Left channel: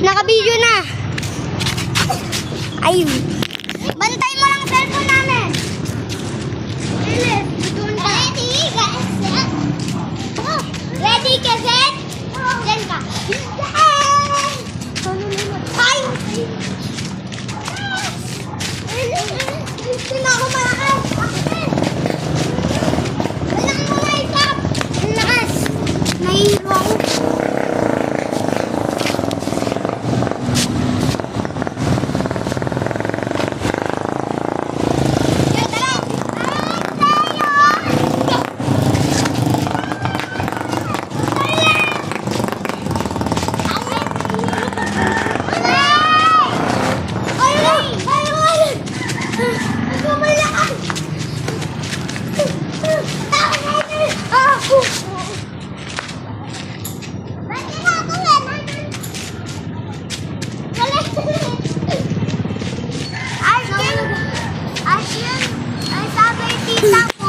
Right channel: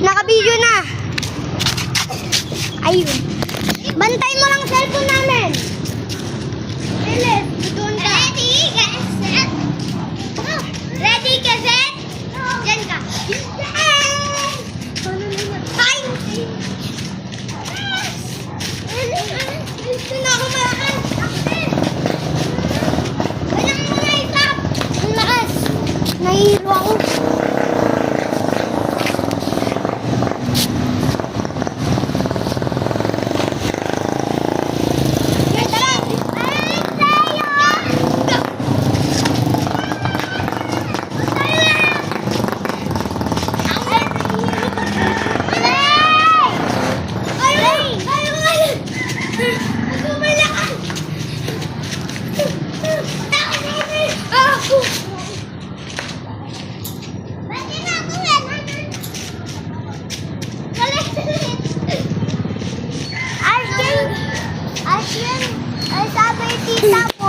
Naka-video na. Ayun. Bantay mo lang cellphone namin. Bilis. Doon ka. Ready, get set. Ready, get set. Diyan ka. Ay! Gusto na ako malakas. Walang mga isap. Ang lakas. Nahihilo ako. Ay, sabi, tita.